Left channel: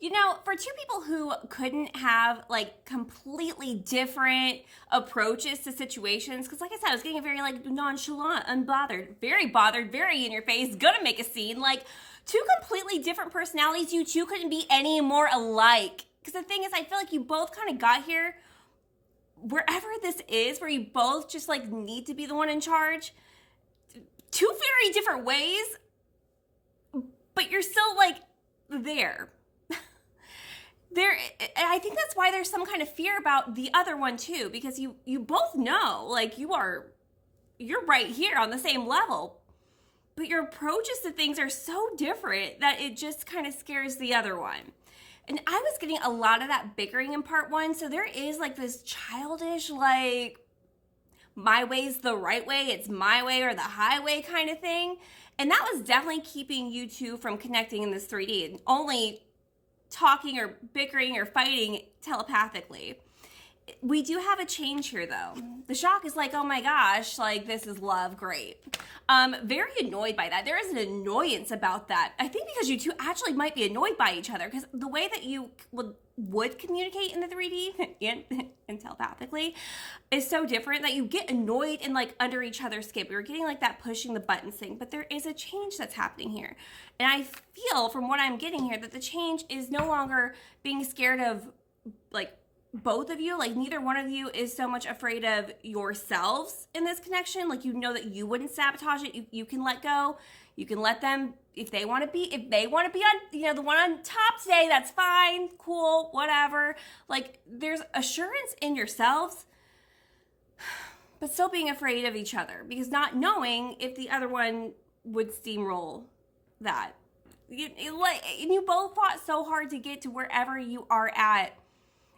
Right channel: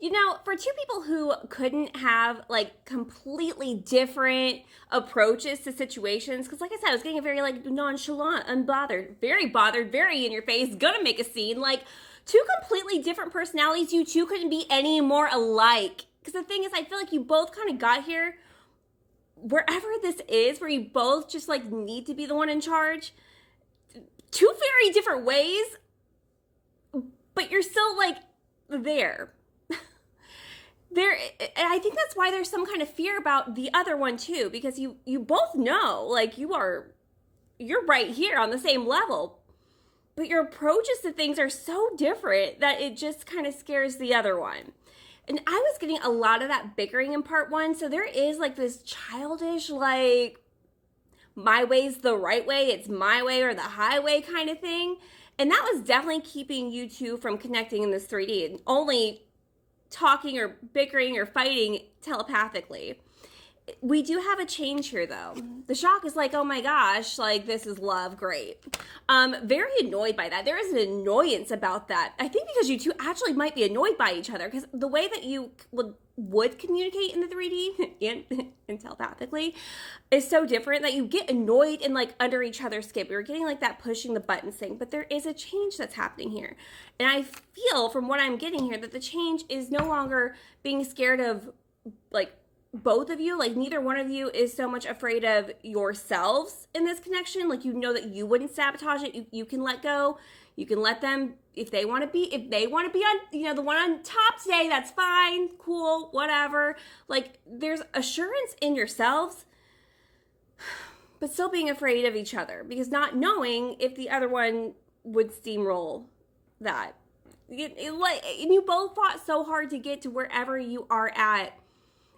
You know, for two people who couldn't have like completely different approaches to situations, because like I said, I was getting a very like nonchalant, unbothered, very bothered, very in your face, gonna make a scene, like two completely different personalities. You two couldn't be any more alike. Because the thing is, I feel like you both kind of got here wherever this is, where you both just like need to be the one in charge. Two very different ways, but you're still like there. I think that's why there's some kind of fear about the other one too, because you both know like you're right here on the same level, but your approaches to things are so different that it just kind of scares the other one. And I was getting a lot of that bickering in part one, so there is like this childish like my way's the right way, it's my way or the highway kind of thing. And that was definitely keeping you two from connecting in this 3D and only talking or bickering or fighting telepathically. We do have a change here though. The shock is like, oh my gosh, like this is love, great. Very annoyed by that. There is an annoyance about that. I think because you two actually might be annoyed by each other, because the way that you would communicate in the 3D and telepathically is so different that you get annoyed and like under each other's skin. You're getting like that pushing the buttons thing, but there is a change that's happening here. And I feel from what I'm getting here that the change is no longer being scared of like both of you, like neither one of you is so much afraid of yourselves in this connection. Like you know that you wouldn't sabotage it. You can let go. You can let them if they want to be on, you know, the one on top today, that's fine, cool, whatever. Like there's assurance in yourselves, but still being afraid of each other because not knowing if the other one would steamroll that. You both fought so hard to get to wherever you are at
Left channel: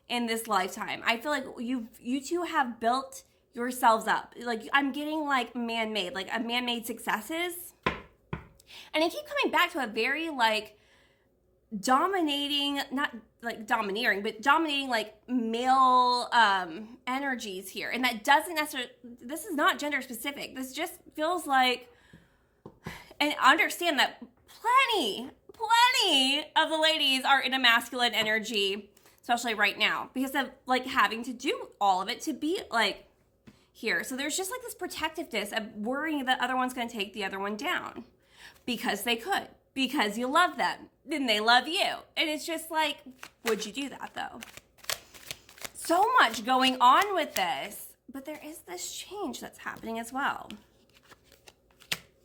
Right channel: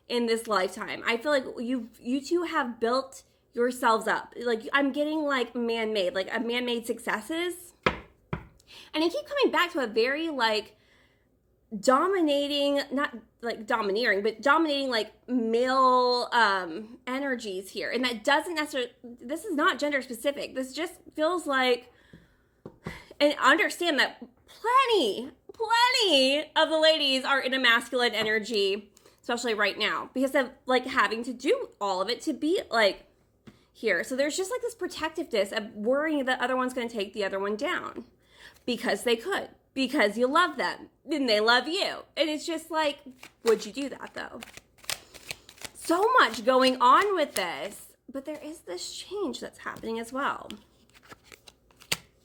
in this lifetime. I feel like you two have built yourselves up. Like I'm getting like man-made, like a man-made successes. And I keep coming back to a very like dominating, not like domineering, but dominating like male energies here. And that doesn't necessarily, this is not gender specific. This just feels like, and understand that plenty of the ladies are in a masculine energy, especially right now, because of like having to do all of it to be like here. So there's just like this protectiveness of worrying that the other one's going to take the other one down because they could, because you love them and they love you. And it's just like, would you do that though? So much going on with this, but there is this change that's happening as well.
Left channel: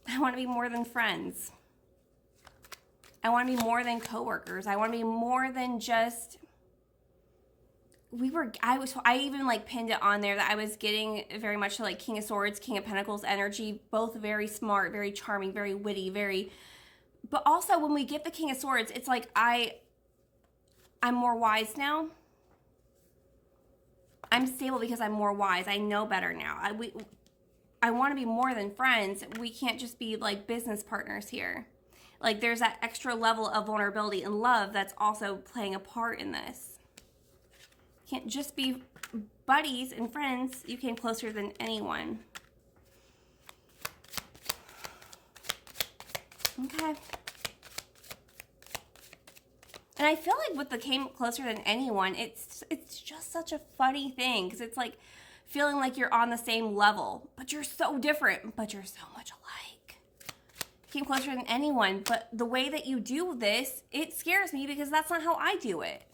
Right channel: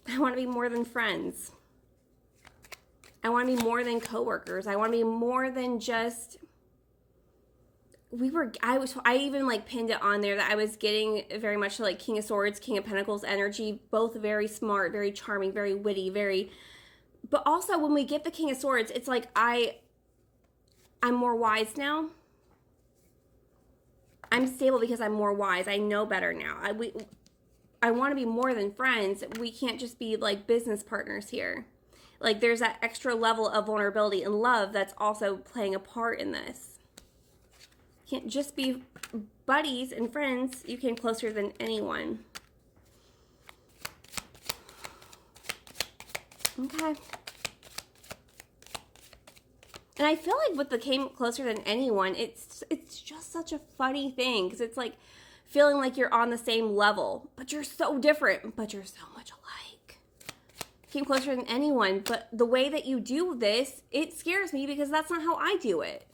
I want to be more than friends. I want to be more than coworkers. I want to be more than just, I even like pinned it on there that I was getting very much like King of Swords, King of Pentacles energy, both very smart, very charming, very witty, but also when we get the King of Swords, it's like I'm more wise now. I'm stable because I'm more wise. I know better now. I want to be more than friends. We can't just be like business partners here. Like there's that extra level of vulnerability and love that's also playing a part in this. Can't just be buddies and friends. You came closer than anyone. Okay. And I feel like with the came closer than anyone, it's just such a funny thing because it's like feeling like you're on the same level, but you're so different, but you're so much alike. Came closer than anyone, but the way that you do this, it scares me because that's not how I do it.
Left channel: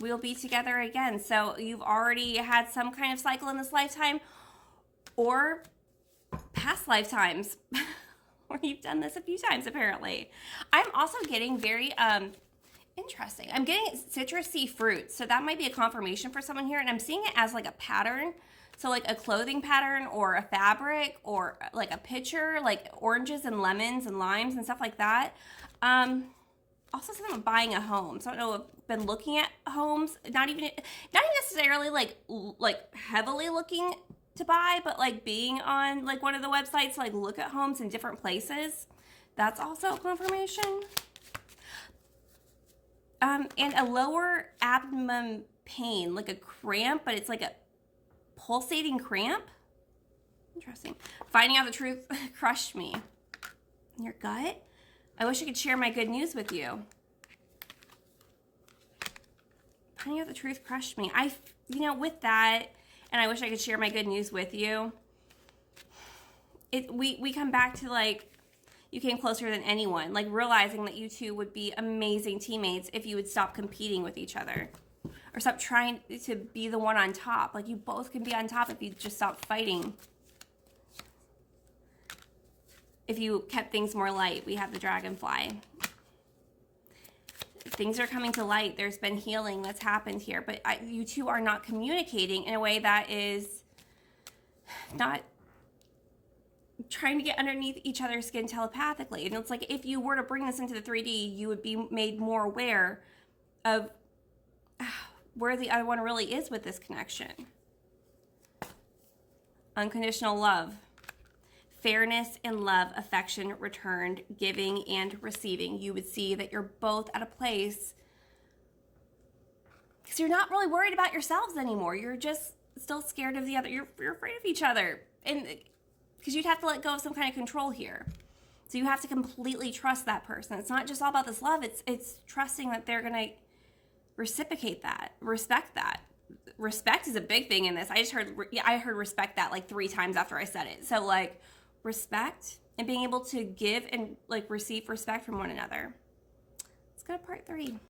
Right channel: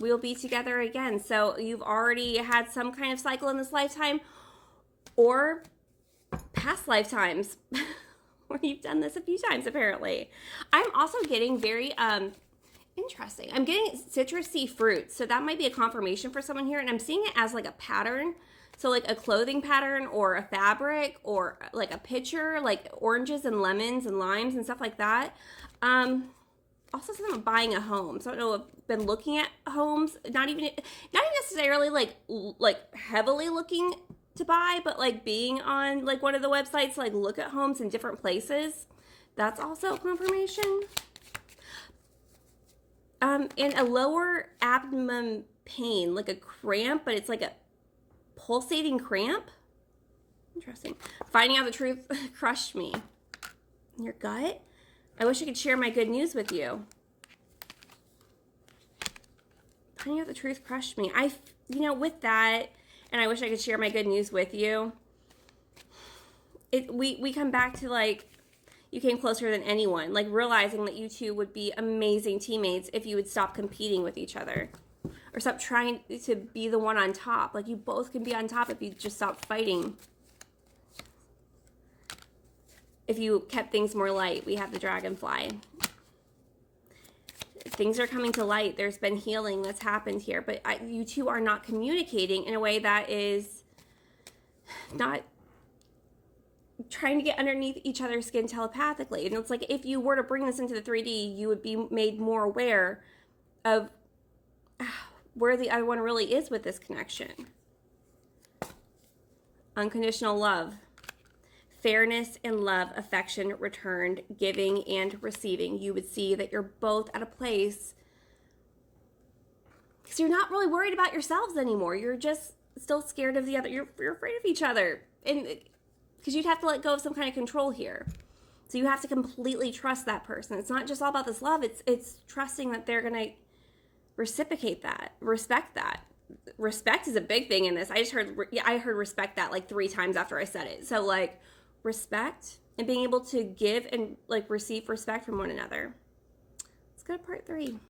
We'll be together again. So you've already had some kind of cycle in this lifetime or past lifetimes where you've done this a few times apparently. I'm also getting very interesting. I'm getting citrusy fruits. So that might be a confirmation for someone here. And I'm seeing it as like a pattern. So like a clothing pattern or a fabric or like a picture, like oranges and lemons and limes and stuff like that. Also something about buying a home. So I don't know, I've been looking at homes, not even necessarily like heavily looking to buy, but like being on like one of the websites, like look at homes in different places. That's also confirmation. And a lower abdomen pain, like a cramp, but it's like a pulsating cramp. Interesting. Finding out the truth crushed me. In your gut? I wish I could share my good news with you. Finding out the truth crushed me. With that, and I wish I could share my good news with you. We come back to like, you came closer than anyone. Like realizing that you two would be amazing teammates if you would stop competing with each other. Or stop trying to be the one on top. Like you both can be on top if you just stop fighting. If you kept things more light. We have the dragonfly. Things are coming to light. There's been healing that's happened here. But you two are not communicating in a way that is not trying to get underneath each other's skin telepathically. And it's like if you were to bring this into the 3D, you would be made more aware of where the other one really is with this connection. Unconditional love. Fairness and love, affection returned, giving and receiving. You would see that you're both at a place because you're not really worried about yourselves anymore. You're just still scared of the other. You're afraid of each other. And because you'd have to let go of some kind of control here. So you have to completely trust that person. It's not just all about this love. It's trusting that they're going to reciprocate that, respect that. Respect is a big thing in this. I heard respect that like 3 times after I said it. So like respect and being able to give and like receive respect from one another. Let's go to part 3.